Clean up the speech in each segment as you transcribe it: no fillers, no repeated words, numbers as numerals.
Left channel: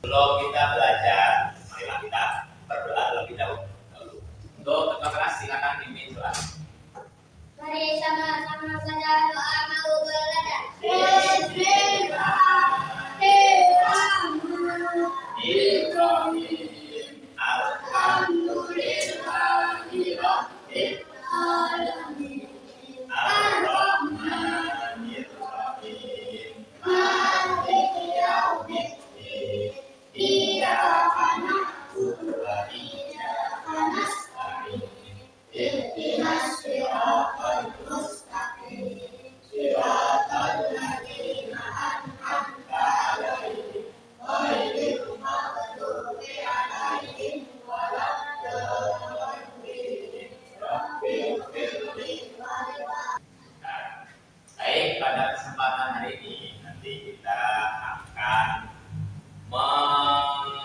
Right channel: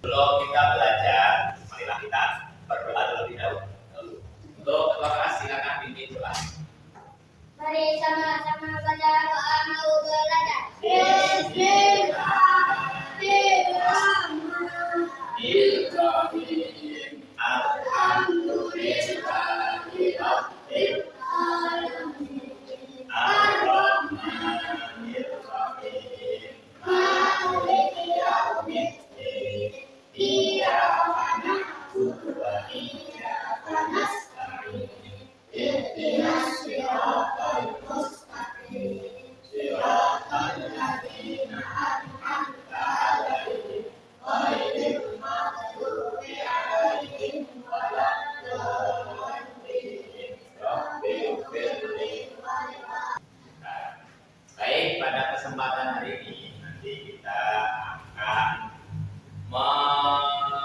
Sebelum kita belajar, marilah kita berdoa terlebih dahulu. Untuk ketua kelas silakan pimpin doa. Mari sama-sama baca doa mau belajar. Bismillahirrahmanirrahim. Alhamdulillahirabbil alamin. Ar-Rahmanirrahim. Maliki yaumiddin. Iyyaka na'budu wa iyyaka nasta'in. Ihdinas siratal mustaqim. Siratal ladzina an'amta 'alaihim ghairil maghdubi 'alaihim waladdallin. Rabbil firli. Baik, pada kesempatan hari ini nanti kita akan mempelajari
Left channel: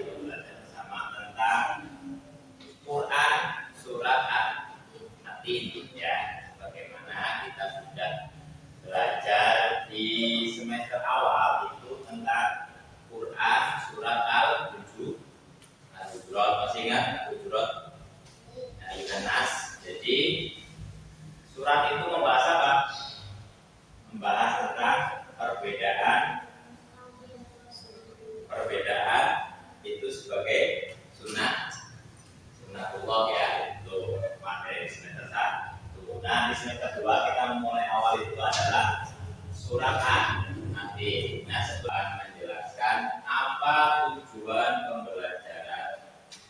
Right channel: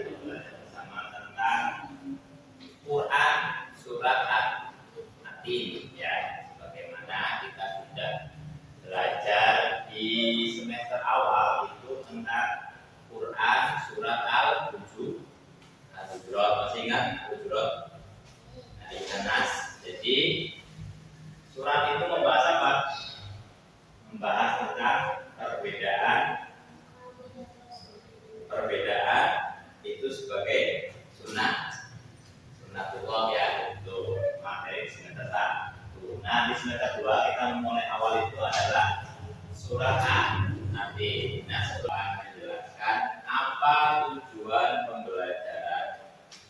atau belajar bersama tentang Quran surat At-Tin ya. Bagaimana kita sudah belajar di semester awal itu tentang Quran surat Al-Hujurat. Masih ingat Al-Hujurat? Nas. Jadi surat itu membahas apa? Membahas tentang perbedaan itu sebagai sunnatullah ya, itu materi semester 1. Nah di semester 2 kita memulai awal itu adalah surat At-Tin. Nah setelah menjelaskan apa tujuan pembelajaran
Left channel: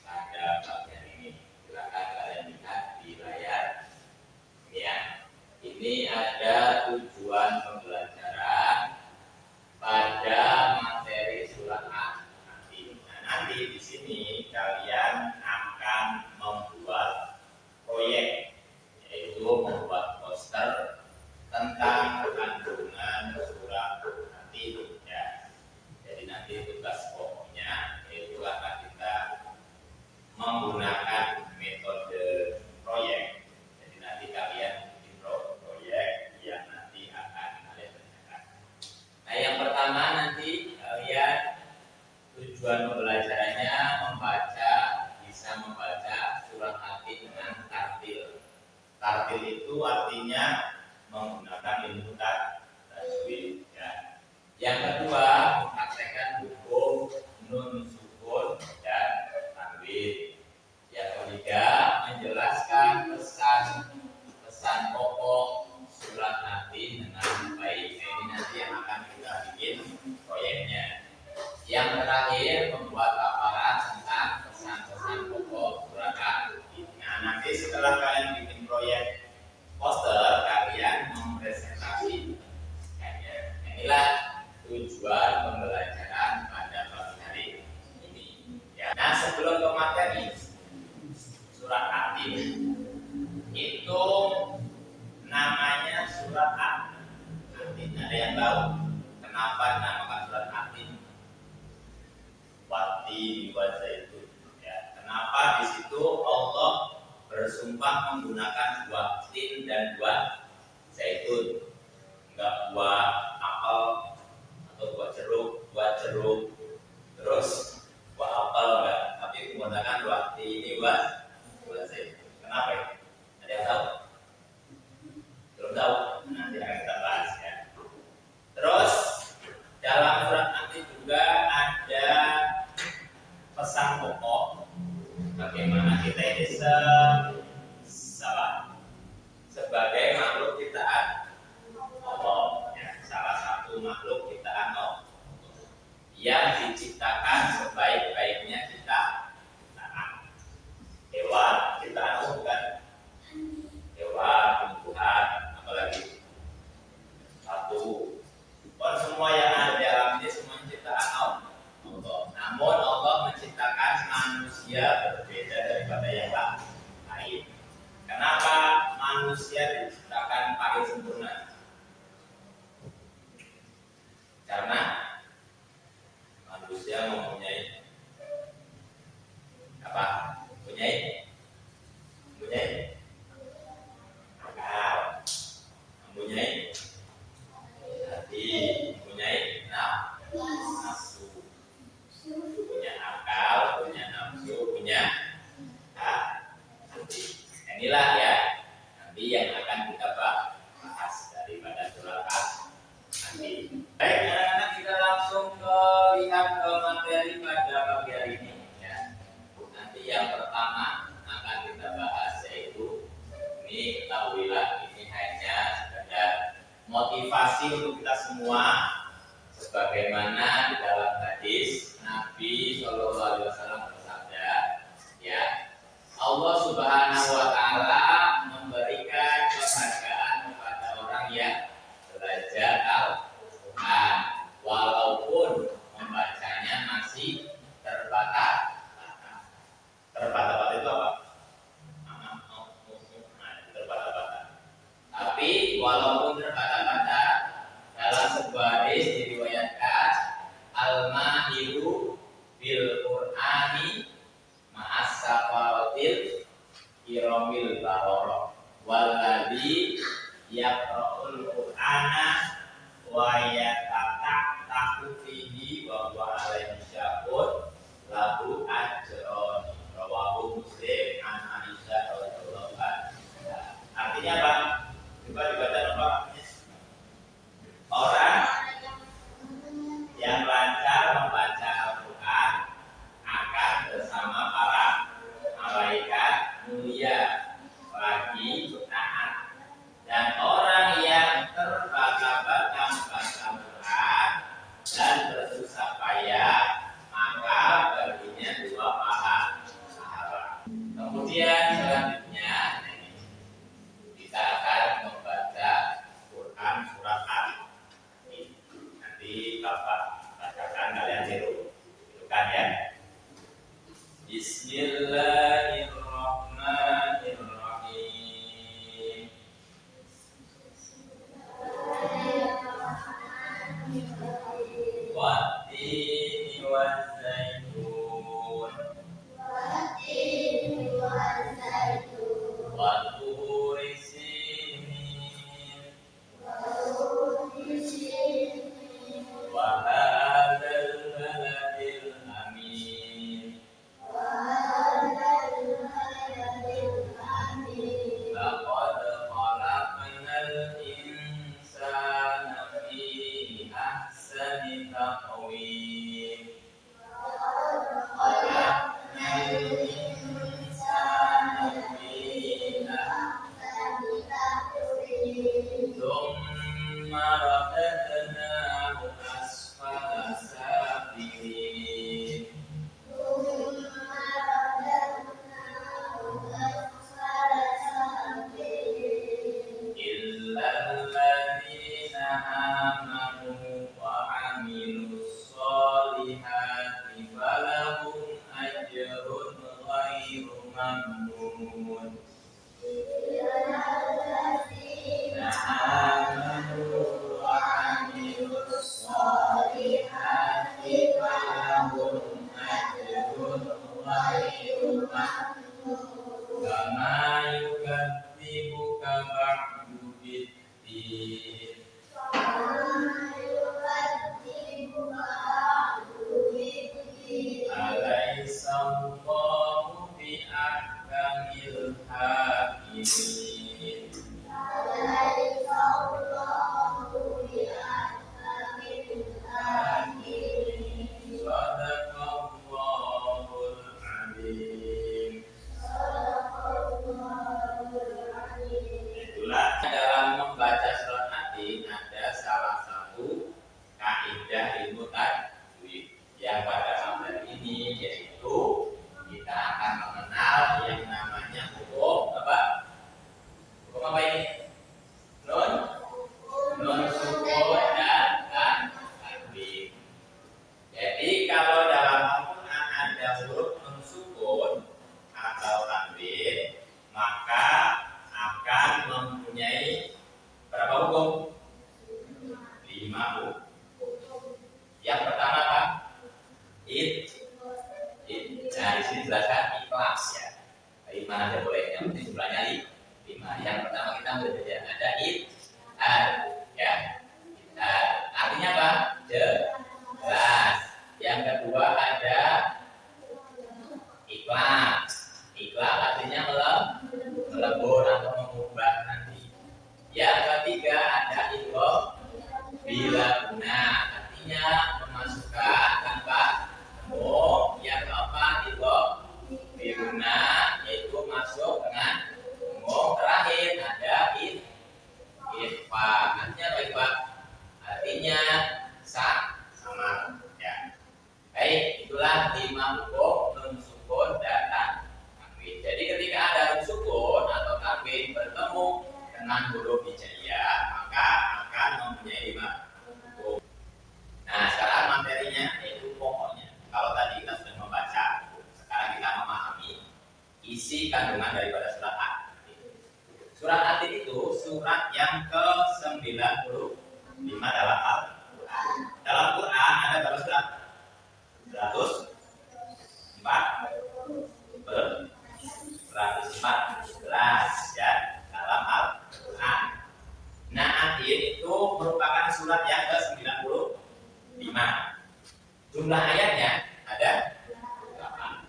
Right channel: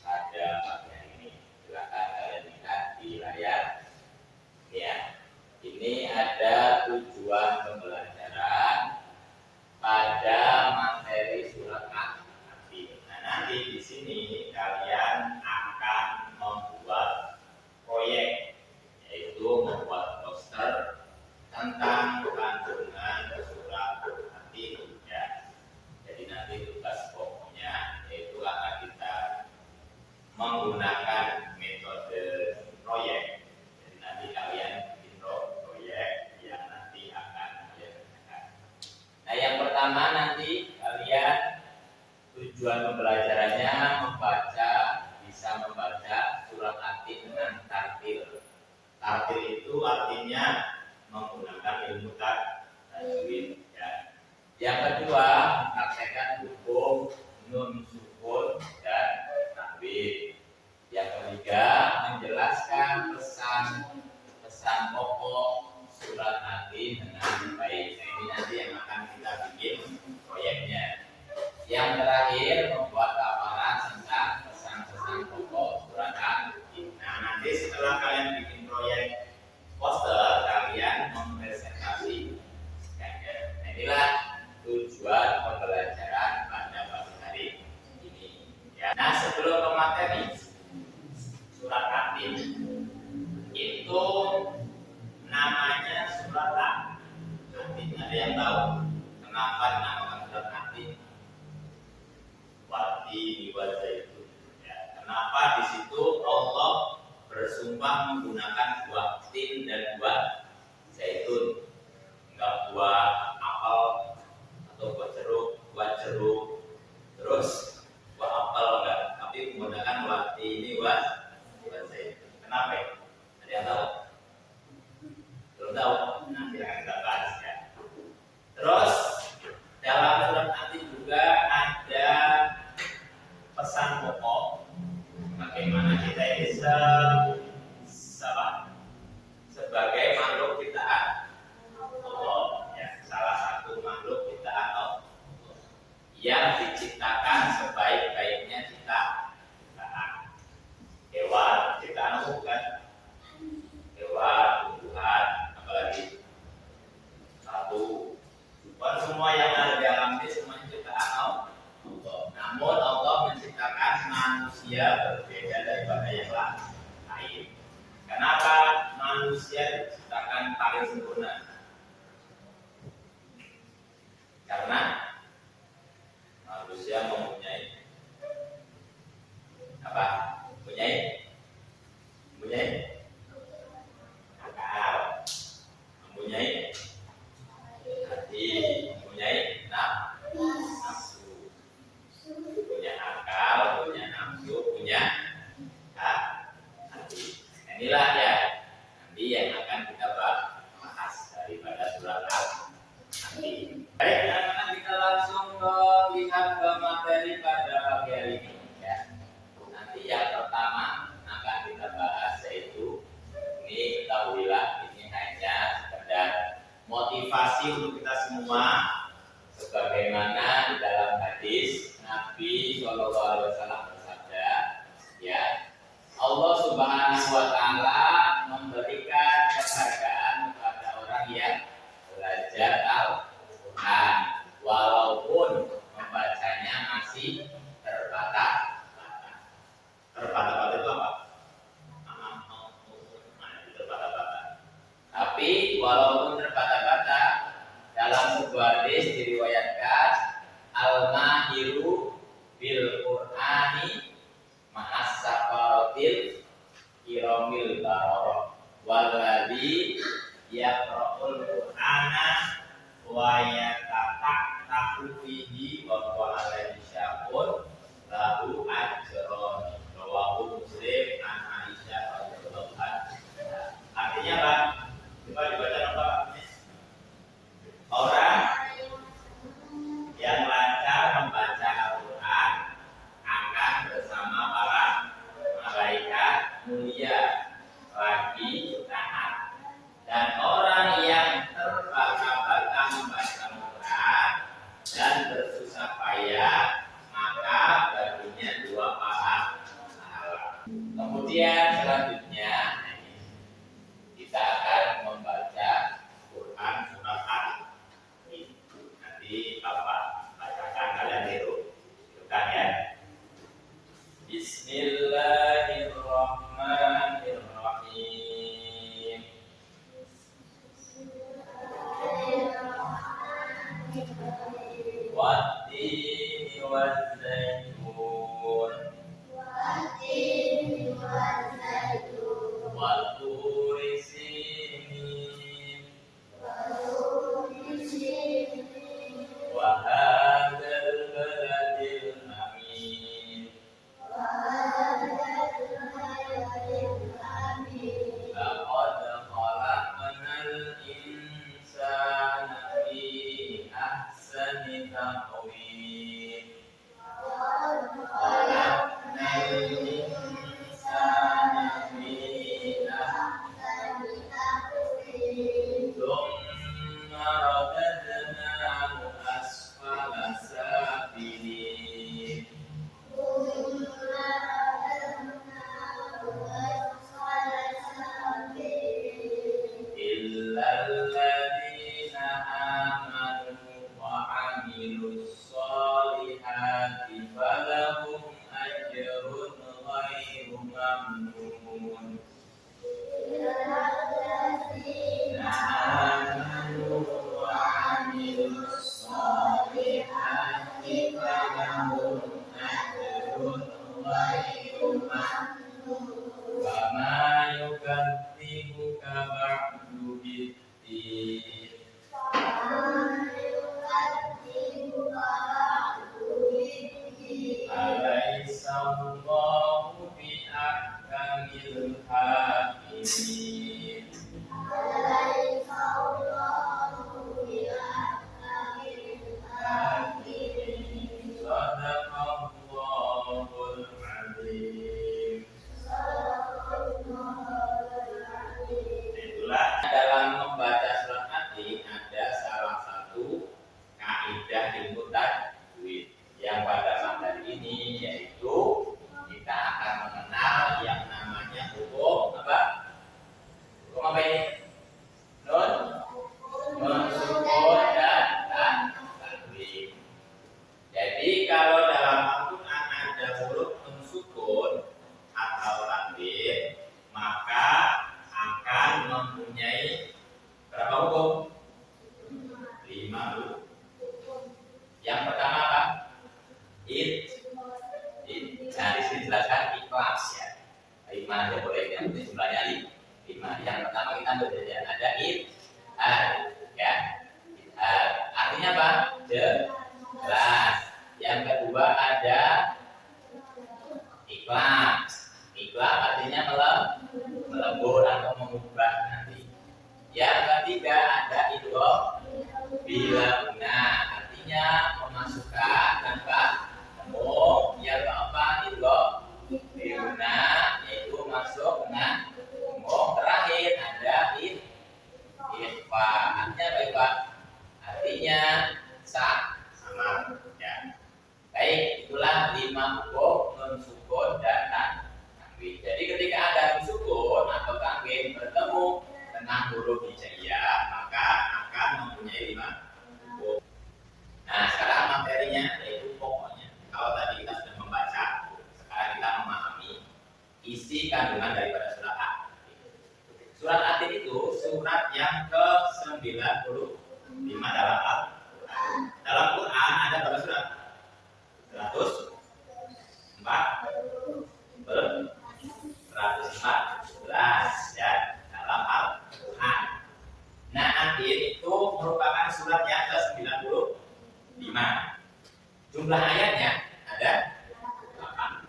pada pagi hari ini, silakan kalian lihat di layar ya. Ini ada tujuan pembelajaran pada materi surat At-Tin. Nah, nanti di sini kalian akan membuat proyek, yaitu membuat poster tentang kandungan surat At-Tin ya. Jadi nanti tugas pokoknya yaitu akan kita menggunakan metode proyek. Jadi nanti kalian bikin proyek yang nanti akan kalian kerjakan. Nah, yang pertama nanti kalian tujuan pembelajarannya bisa membaca surat At-Tin dengan tartil. Tartil itu artinya menggunakan ilmu tajwid ya. Yang kedua, mempraktekkan hukum nun sukun dan tanwin. Yang ketiga, menjelaskan pesan pokok surat At-Tin dengan baik. Nah, ini nanti yang akan kita bikin proyeknya. Yang terakhir, membuat paparan tentang pesan-pesan pokok surat At-Tin. Nah, nanti setelah kalian bikin proyek poster, kalian mempresentasikannya. Nah, inilah tujuan pembelajaran pada pagi hari ini. Ya. Nah, sebelum ke materi surat At-Tin, itu namanya surat At-Tin. Ada yang tahu kenapa dinamakan surat At-Tin? Wat-Tin wa Zaitun. Ya, kenapa di situ Allah bersumpah menggunakan buah tin dan buah zaitun, enggak buah apel atau buah jeruk, terus buah apel enggak, tapi menggunakan buah tin ini buah zaitun. Kenapa ya? Ada yang tahu? Belum tahu? Nanti akan kita bahas ya. Terus dalam surat At-Tin juga ada pesan pokok bagaimana kita ini sebagai makhluk ciptaan Allah ya, salah satu makhluk ciptaan Allah yang diciptakan sebaik-baiknya ciptaan. Hewan ciptaan Allah bukan? Hewan, tumbuhan, apalagi satu. Bukan semua yang ada di alam ini semuanya ciptaan Allah. motivasi untuk kita semua, sebagaimana di dalam hadis Nabi Shallallahu Alaihi Wasallam bersabda, ya, Allah Subhanahu Wa Taala memberikan penghargaan kepada orang yang belajar Al-Quran, walaupun membacanya masih terbata-bata. Terbata-bata itu apa? Terbata-bata. Tapi walaupun terbata-bata, dalam sebuah hadis diriwayatkan al-mahiru bil Qur'ani ma'as safaratil kiramil barara walladzi yaqra'ul Qur'ana wa yatatahu fihi wa huwa alaihi syaqun lahu ajrun. Rawahu Muslim an Aisyah radhiyallahu anha. Artinya apa? Coba dibaca apa? Orang yang lancar membaca Al-Quran akan bersama para malaikat mulia bagi taat. Dan orang yang terbata-bata membaca Al-Quran dan bersusah payah, maka baginya 2 pahala. Kemudian selanjutnya kita akan membaca Quran surat Al-Baqarah. Nanti Bapak bacakan, kalian tiru. Bukan ya? Bismillahirrahmanirrahim. Wattini wazzaitun. Watturi sinin. Wa hadzal baladil amin. Laqad khalaqnal insana fi ahsani taqwim. Khalaqnal insana fi ahsani taqwim. Tsumma radadnahu asfala safilin. Illal ladzina amanu wa 'amilus sholihati falahum ajrun ghairu mamnun. Amanu wa 'amilus sholihati falahum ajrun ghairu mamnun. Kama yukadzibuka ba'du biddin. Alaysa Allahu bi ahkamil hakimin. Sadaqallahul azim. Itulah dalam membaca surat Al-Baqarah ada salah satu kaidah ilmu tajwid yang pada materi ini, yaitu kita akan mengenal yang namanya hukum apa? Hukum apa ini? Nun sukun dan tanwin. Jadi kalau dalam Al-Quran ada huruf nun sukun atau tanwin, maka akan mempunyai berapa hukum? 5 hukum. Yang pertama apa? Nah, di sini jelaskan ikhlas ya. 5 aja boleh, yang penting jumlahnya 5. Yang pertama kita ambil saja ada ya. Artinya apa? Jelas. Yang kedua ada ikhlas. Ikhlas artinya melebur atau mengubah nanti. Yang ketiga ada idgham bila guna, artinya memasukkan tanpa temu. Yang keempat idgham bila guna, yaitu masuk dengan temu. Terakhir ada ikhfa 114 ya dalam Al-Quran. Nah, Adil itu merupakan surat yang ke-95. Jumlah ayatnya ada 8.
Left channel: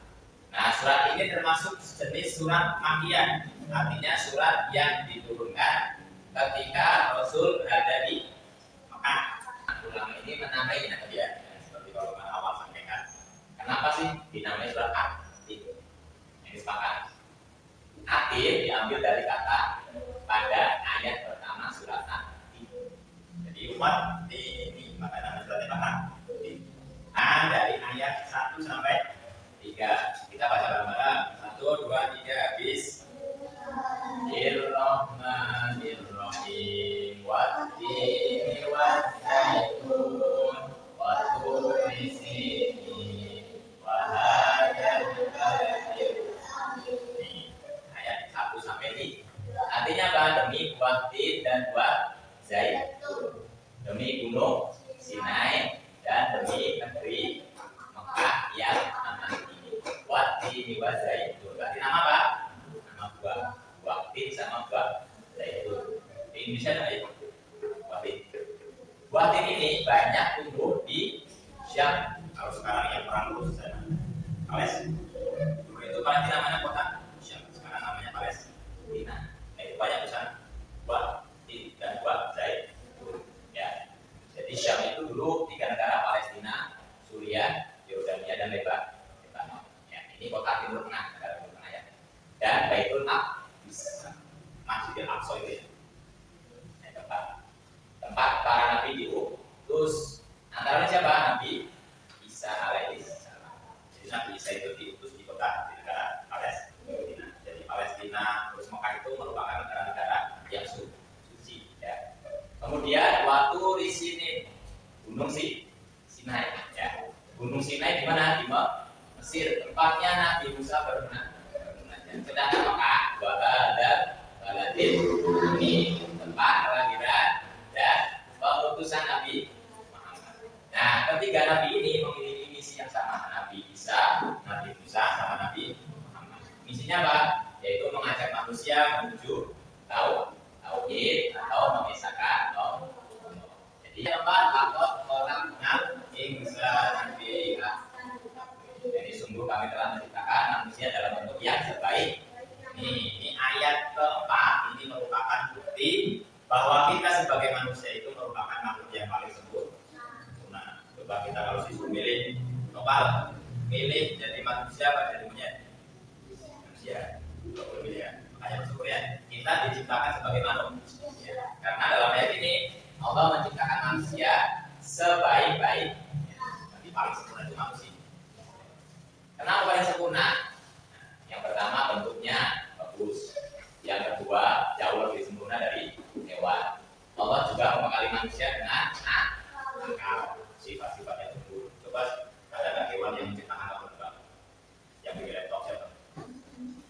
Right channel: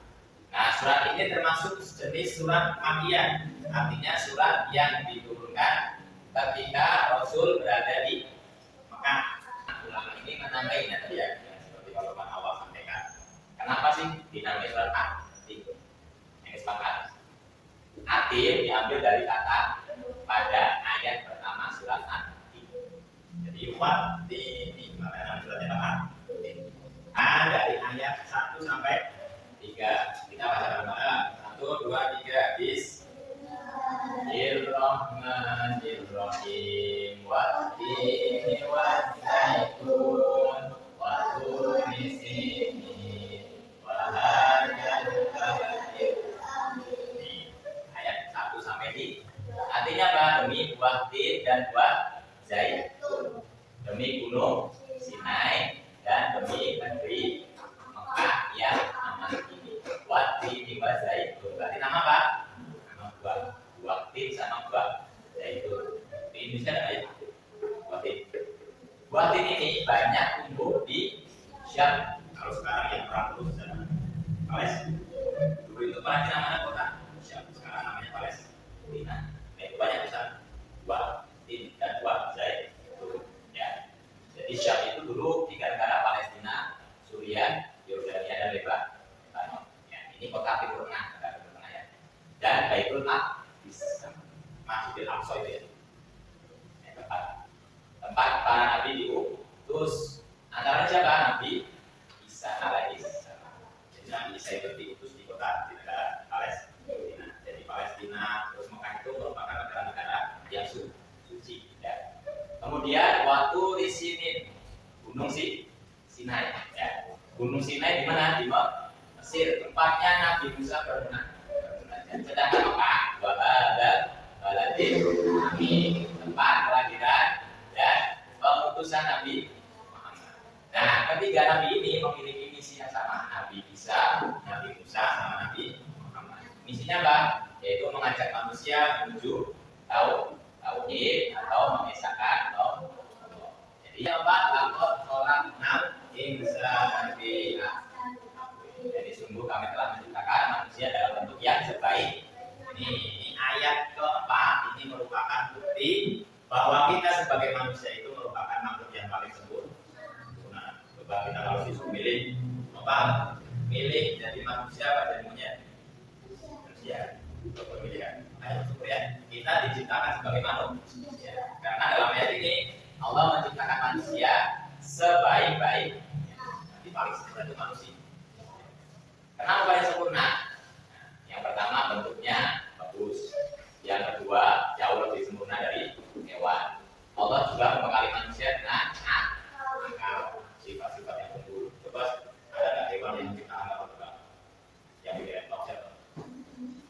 Nah, surat ini termasuk jenis surat Makkiyah, artinya surat yang diturunkan ketika Rasul berada di Mekah. Ulama ini menamai nanti ya, seperti kalau awal sampaikan. Kenapa sih dinamai surat Adil? Ini sepakat. Adil diambil dari kata pada ayat pertama surat Adil. Jadi umat ini makanya suratnya apa? Dari ayat 1 sampai 3. Kita baca bareng-bareng. 1, 2, 3. Bismillahirrahmanirrahim. Wattini waszaitun wa turi sinin wa hadzal baladil amin. Ayat 1 sampai 3. Artinya apa? Demi buah tin dan buah zaitun, demi gunung Sinai dan demi negeri Mekah yang aman ini. Wattini wa zaitun. Berarti nama apa? Nama buah. Buah tin sama buah zaitun. Di Indonesia ada itu. Buah tin. Buah tin ini banyak tumbuh di Syam. Kalau sekarang yang perang terus sana. Palestina. Dulu itu Palestina namanya kota Syam. Sekarang namanya Palestina. Nah, itu banyak di sana. Buah tin dan buah zaitun. Ya. Jadi Syam itu dulu 3 negara, Palestina, Suriah, Yordania, dan Lebanon. Ya, ini kota Timur Tengah, negara Timur Tengah ya. Dan Baitul Maqdis, Masjidil Aqsa itu ya. Tempat para nabi diutus. Antara siapa? Nabi Isa alaihissalam. Jadi Nabi Isa itu diutus di negara Palestina. Jadi Palestina terus Mekah itu merupakan negara-negara yang suci. Ya. Kemudian waktu di sini Gunung Sinai. Ya. Gunung Sinai di mana? Di Mesir. Tempatnya Nabi Musa bermunajat. Sedangkan Mekah ada baladil amin, tempat kelahiran dan pengutusan Nabi Muhammad. Nah, ketiga Nabi ini memiliki misi yang sama. Nabi Isa, Nabi Musa, sama Nabi Muhammad. Misinya apa? Yaitu mengajak manusia menuju tauhid atau mengisahkan Allah. Jadi apa? Lakot orang kenal insan biha. Jadi sungguh kami telah menciptakan manusia dalam bentuk yang sebaik. Ini ayat keempat. Ini merupakan bukti bahwa kita sebagai manusia itu merupakan makhluk yang paling sempurna. Coba kita kalau disuruh milih, milih jadi manusia apa jadi monyet? Manusia. Makanya bersyukur ya. Kita diciptakan sebagai manusia. Karena dalam ayat ini Allah menciptakan manusia sebaik-baik. Jadi paling sempurna itu manusia. Kenapa paling sempurna? Yang pertama bentuknya bagus. Yang kedua jauh lebih sempurna dari hewan. Allah juga membekali manusia dengan akal, sifat-sifat yang unggul. Coba ada nggak hewan yang menciptakan akal terbang? Yang bikin laptop siapa?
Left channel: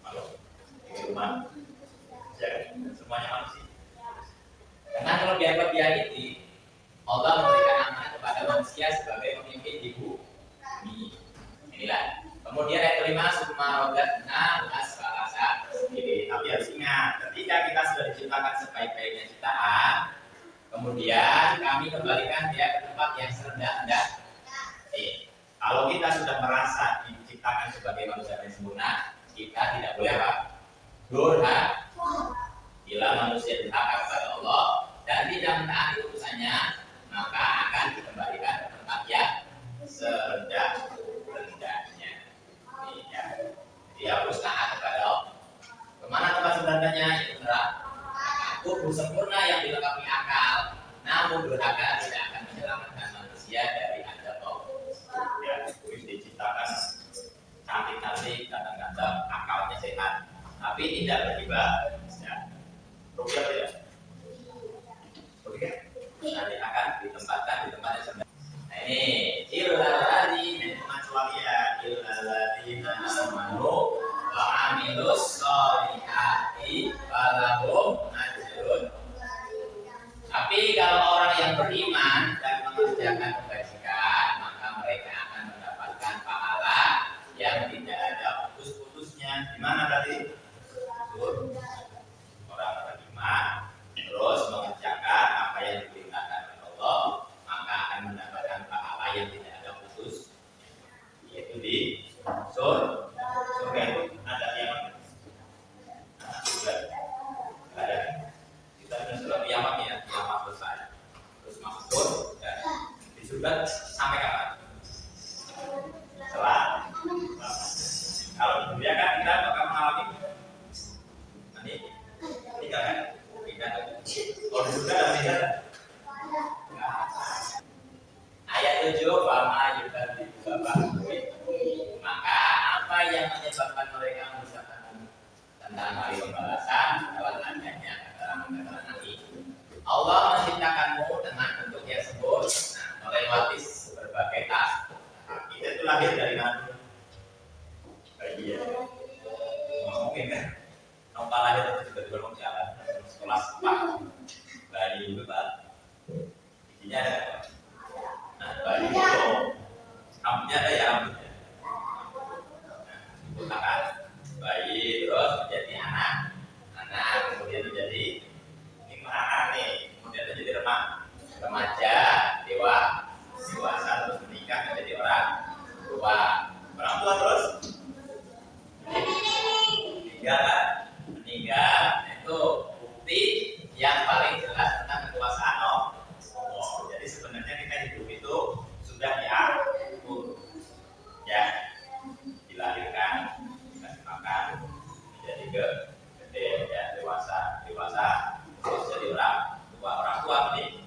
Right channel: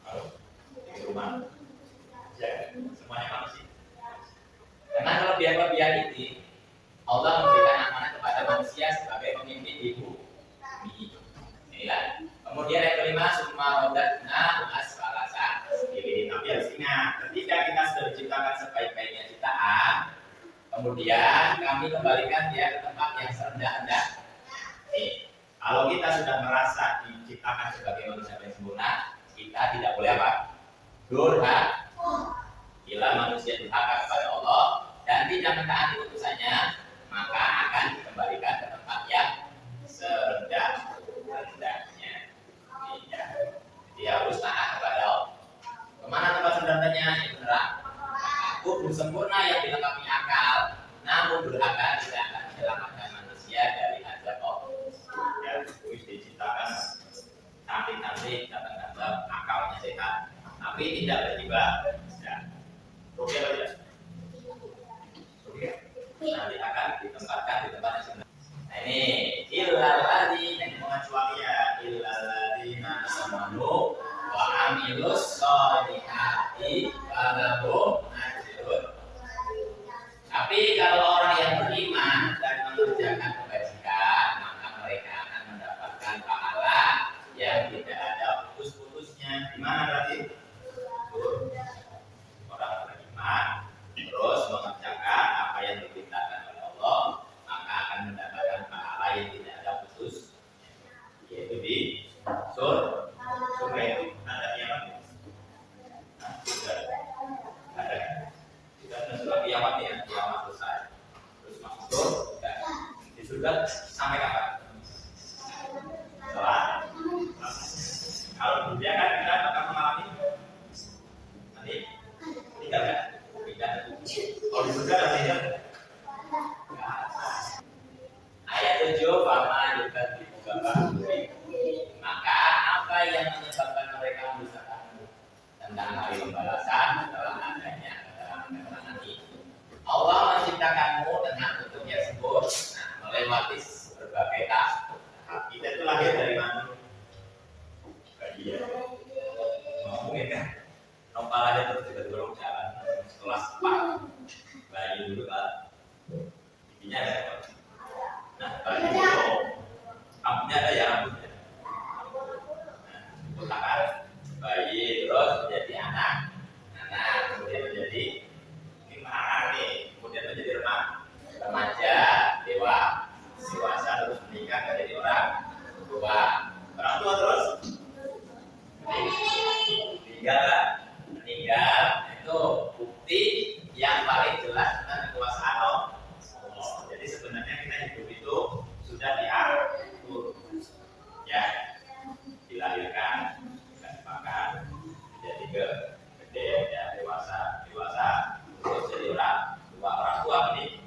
Malu? Bikin rumah? Ya, semuanya manusia. Dengan kelebihan-kelebihan ini, Allah memberikan amanah kepada manusia sebagai pemimpin di bumi. Inilah. Kemudian yang kelima, summa rodatna asfalasa. Tapi harus ingat, ketika kita sudah diciptakan sebaik-baiknya ciptaan, kemudian kami kembalikan dia ke tempat yang serendah-rendah. Kalau kita sudah merasa diciptakan sebagai manusia yang sempurna, kita tidak boleh apa? Durhaka. Bila manusia durhaka kepada Allah dan tidak mentaati utusannya, maka akan dikembalikan ke tempat yang serendah-rendahnya. Ya. Jadi harus taat kepada Allah. Kemana tempat serendah-rendahnya? Itu neraka. Tubuh sempurna yang dilengkapi akal, namun durhaka tidak akan menyelamatkan manusia dari azab Allah. Ya, wis diciptakan cantik-cantik, ganteng-ganteng, akalnya sehat, tapi tidak beribadah. Ya. Rugi apa tidak? Rugi. Nanti akan ditempatkan di tempat yang serendah. Nah ini illalladzina pengecualian illalladzina amanu wa amilus sholihati falahum ajrun. Tapi kalau orang yang beriman dan mengerjakan kebajikan, maka mereka akan mendapatkan kapan? Setelah. Kalau di dunia kan kita bakal mengalami nanti tinggal kan? Tinggal. Kalau di surga ada tinggal. Ayat 7 Fama juga dibuka maka apa yang menyebabkan mereka mendustakan tentang hari pembalasan adalah adanya keterangan nanti. Allah menciptakanmu dengan bentuk tersebut, melewati berbagai tahap. Kita itu lahir dari mana? Bayi ya. Mungkin kan? Nomor lahir terus juga dorong jalan sekolah sepak. Bayi dulu kan. Intinya ada apa? Nah, bayi itu rambutnya ada ya rambutnya. Itu akan bayi terus menjadi anak, kemudian menjadi anak nih, kemudian menjadi remaja, dewasa terus menikah menjadi orang tua terus meninggal itu bukti yang paling jelas tentang kekuasaan Allah. Jadi sebenarnya kita hidup itu sudah diatur ya, dilahirkan, dimakan, menjadi gede ya, dewasa terus jadi orang tua ini.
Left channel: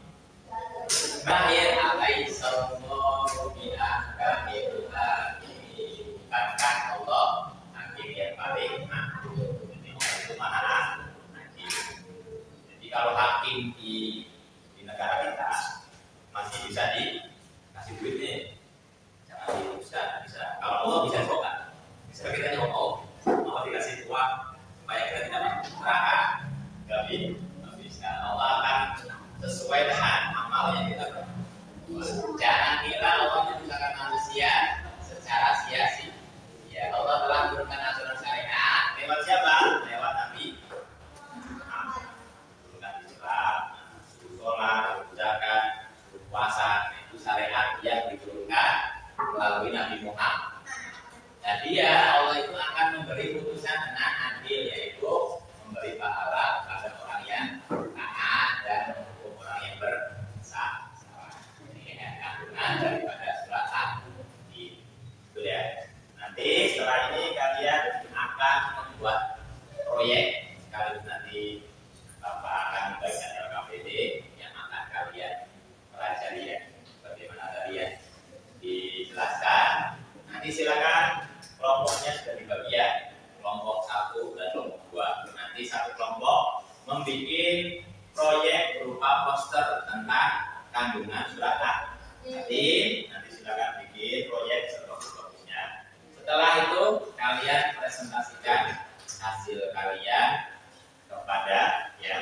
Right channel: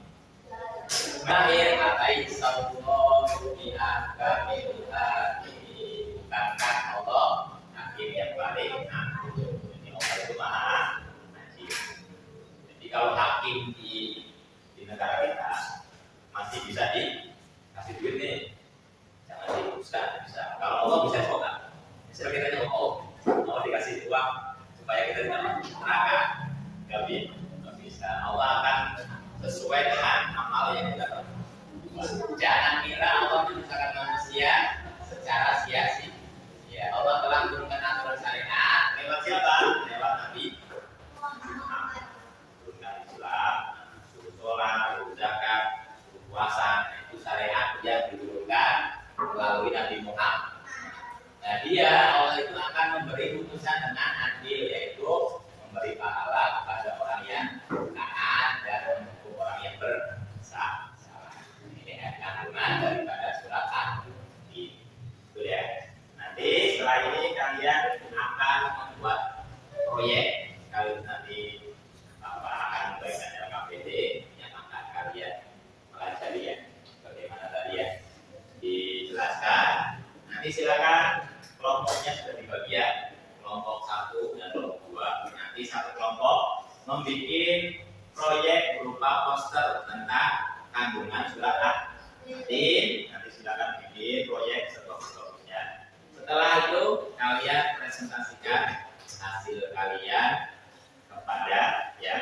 Mahir alaihi sallallahu bi ahkamil hakim. Bukankah Allah hakim yang paling adil? Jadi Allah itu maha adil. Jadi kalau hakim di negara kita masih bisa dikasih duit nih, jangan dihapuskan, bisa. Kalau Allah bisa coba, misalnya kita nyokok, mau dikasih uang supaya kita tidak masuk neraka, nggak bisa. Allah akan sesuai dengan amal yang kita lakukan. Jangan kira Allah menciptakan manusia secara sia-sia. Allah telah menurunkan aturan syariat lewat siapa? Lewat Nabi Muhammad. Turunkan Islam, suruh sholat, suruh zakat, suruh puasa. Itu syariat yang diturunkan melalui Nabi Muhammad. Nah, Allah itu akan memberi putusan dengan adil, yaitu memberi pahala kepada orang yang taat dan menghukum orang yang bersalah. Ini kandungan daripada surat Al-Anbiya. Itu ya. Nanti setelah ini kalian akan membuat proyek. Kalau nanti Bapak akan membagikan LKPD yang akan kalian pelajari ya. Bagaimana tadi ya dijelaskan. Nanti silakan, kelompoknya sudah dibagi ya, kelompok 1 dan kelompok 2. Nanti satu kelompok membuat proyek berupa poster tentang kandungan surat Al-Anbiya. Nanti silakan bikin proyek seterusnya. Setelah itu kalian presentasikan hasil kalian kepada ya.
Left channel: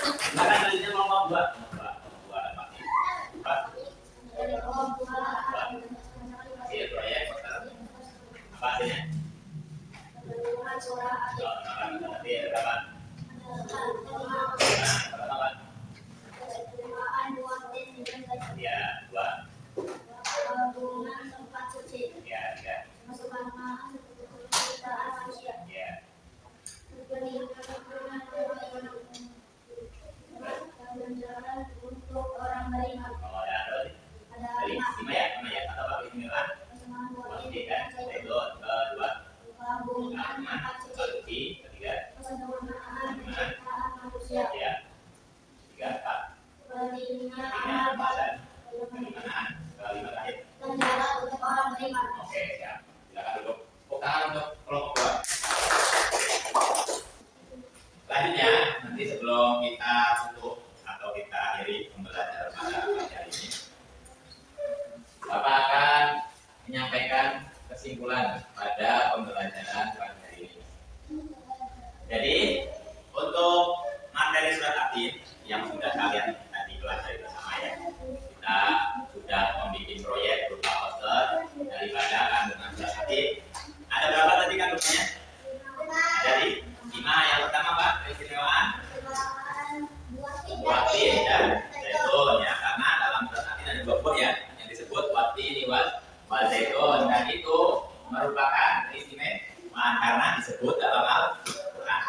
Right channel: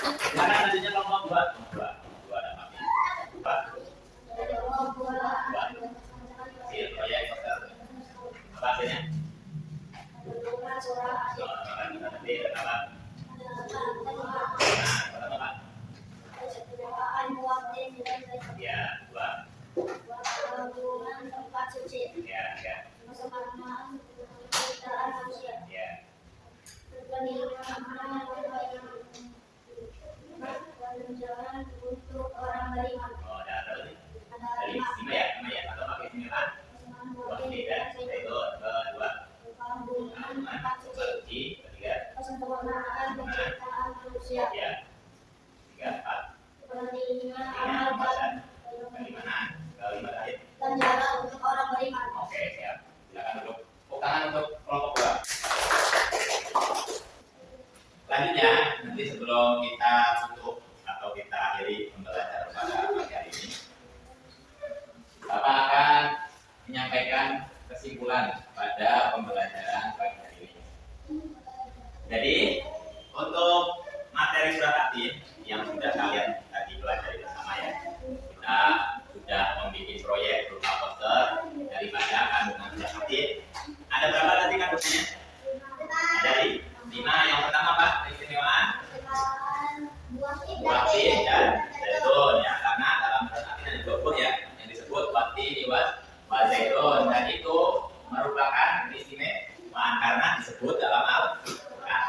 Sekarang selanjutnya kelompok 2. Kelompok 2 ada pasti. Hasil proyek poster. Apa hasilnya? Nanti ada apa? Pertama apa? Ya, 2. tempat suci. Ya, 3. Ya. Untuk orang beriman. Oh, ada berarti. Dari istimewa ya, nama ya. Atau apa keistimewaan? Buah kan? Itu kedua. Tempat suci. Ketiga. Kesempurnaan penciptaan manusia. Ya. 3, 4. Pentingnya 5, amal pembahasan. Keimanan. Kelima terakhir. penjara untuk orang beriman. Oke, siap. Silakan duduk. Tepuk tangan untuk kelompok 2. Selanjutnya, nanti sebelum kita tutup atau kita akhiri pembelajaran pada pagi hari ini, Bapak akan menyampaikan kesimpulan pada pembelajaran pagi hari ini. Jadi, untuk materi surat At-Tin yang sudah kalian tadi pelajari bersama ya, kita sudah membuat proyek berupa poster daripada kandungan surat At-Tin. Ada berapa tadi kandungannya? Ada 5. Yang pertama Pak, keistimewaan buah tin dan zaitun ya, karena dalam surat At-Tin ada 2 buah ya yang disebut watin wal zaitun, dan itu merupakan keistimewaan karena disebut dalam Al-Quran.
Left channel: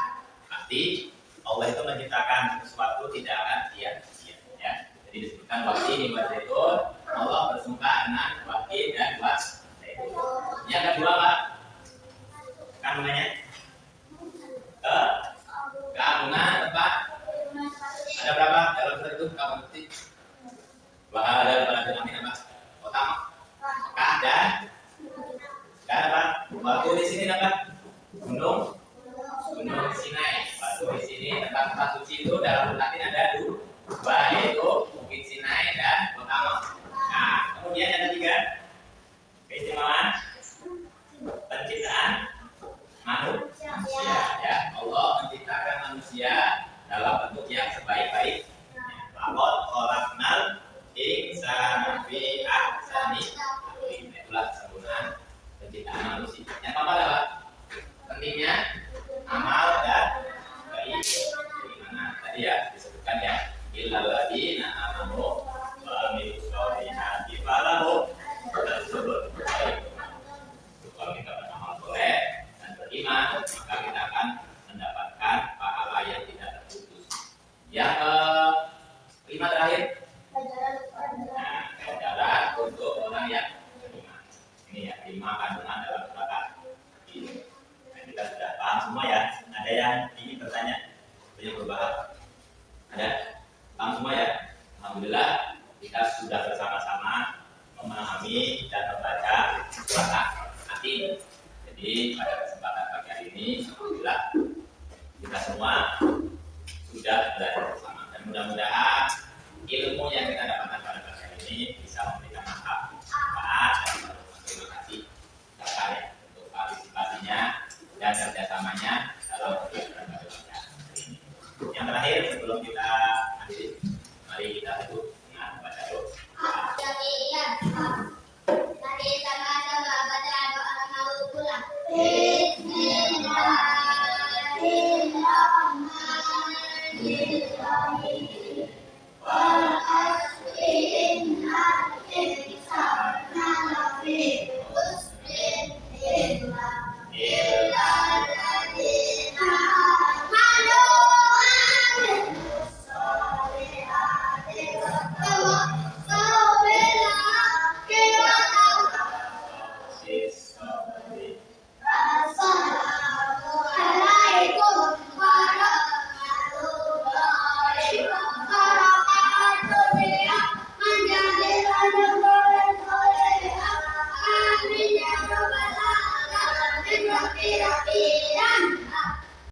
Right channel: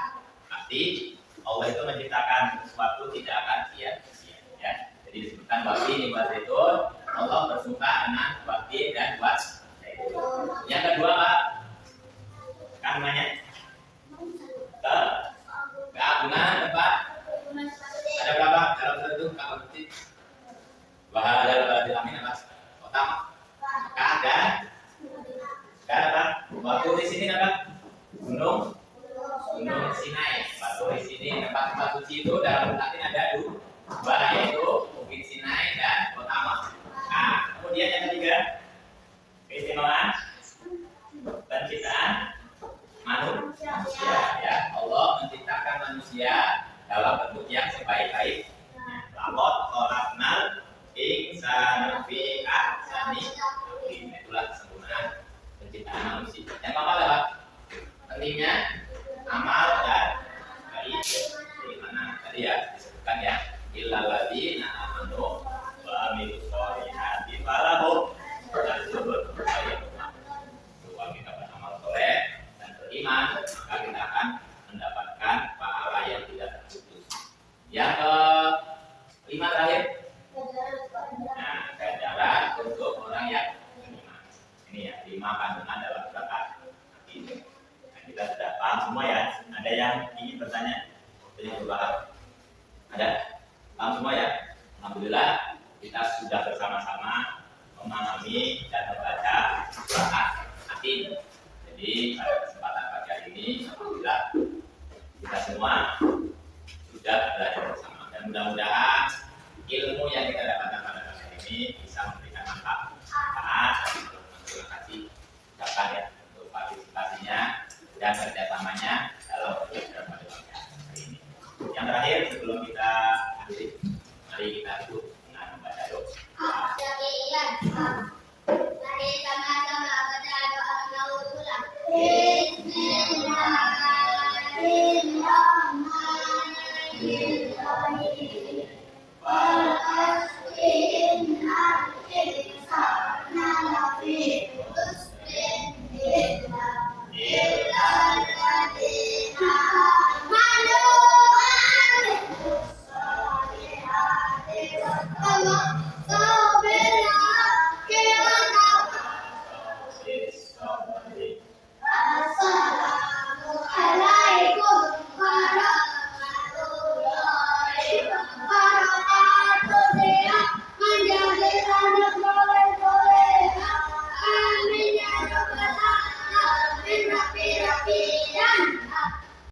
Pasti Allah itu menciptakan sesuatu tidak akan sia-sia ya. Jadi disebutkan watin wal zaitun, Allah bersuka dengan watin dan wal zaitun. Yang kedua Pak, kandungannya keagungan tempat. Ada berapa dalam surat itu? Kamu ngerti? Bahwa ada pada amin apa? Utama. Mekah dan apa? Batu di sini apa? Gunung Sinai. Batu di sini tempat suci itu dalam Al-Quran ada 2, yaitu Bukit Sinai dan Utama. Nah, kemudian yang ketiga, keistimewaan penciptaan manusia ya. Allah menciptakan manusia dalam bentuk yang sebaik-baiknya. Laqad khalaqnal insana fi ahsani taqwim. Itulah kesempurnaan penciptaan manusia. Yang keempat apa? Pentingnya amal dan keimanan. Tadi ya disebutkan ya, illal ladzina amanu wa amilus sholihati falahum ajrun ghairi mamnun. Kalau kita beramal soleh dan beriman, maka kita akan mendapatkan pahala yang tidak terputus. Yang kelima terakhir, nah, ganjaran untuk orang yang beriman. Ini ya 5 kandungan dalam surat ini. Nah, kita sudah paham semua ya. Ada yang ingin bertanya? Ada yang berbahas? Ada? Paham semua ya? Alhamdulillah kita sudah bersama-sama memahami dan membaca surat At-Tin. Jadi pada kesempatan pagi hari ini, alhamdulillah kita semua sudah belajar bersama, dan mudah-mudahan ilmu yang kita dapatkan pada pagi hari ini bisa memberikan manfaat dan terima kasih ucapkan ya untuk partisipasinya dan kerjasamanya dalam pembelajaran pada pagi hari ini. Yang terakhir sebelum kita akhiri, mari kita tutup dengan membaca doa. Mari sama-sama baca doa mau pulang. Bismillahirrahmanirrahim.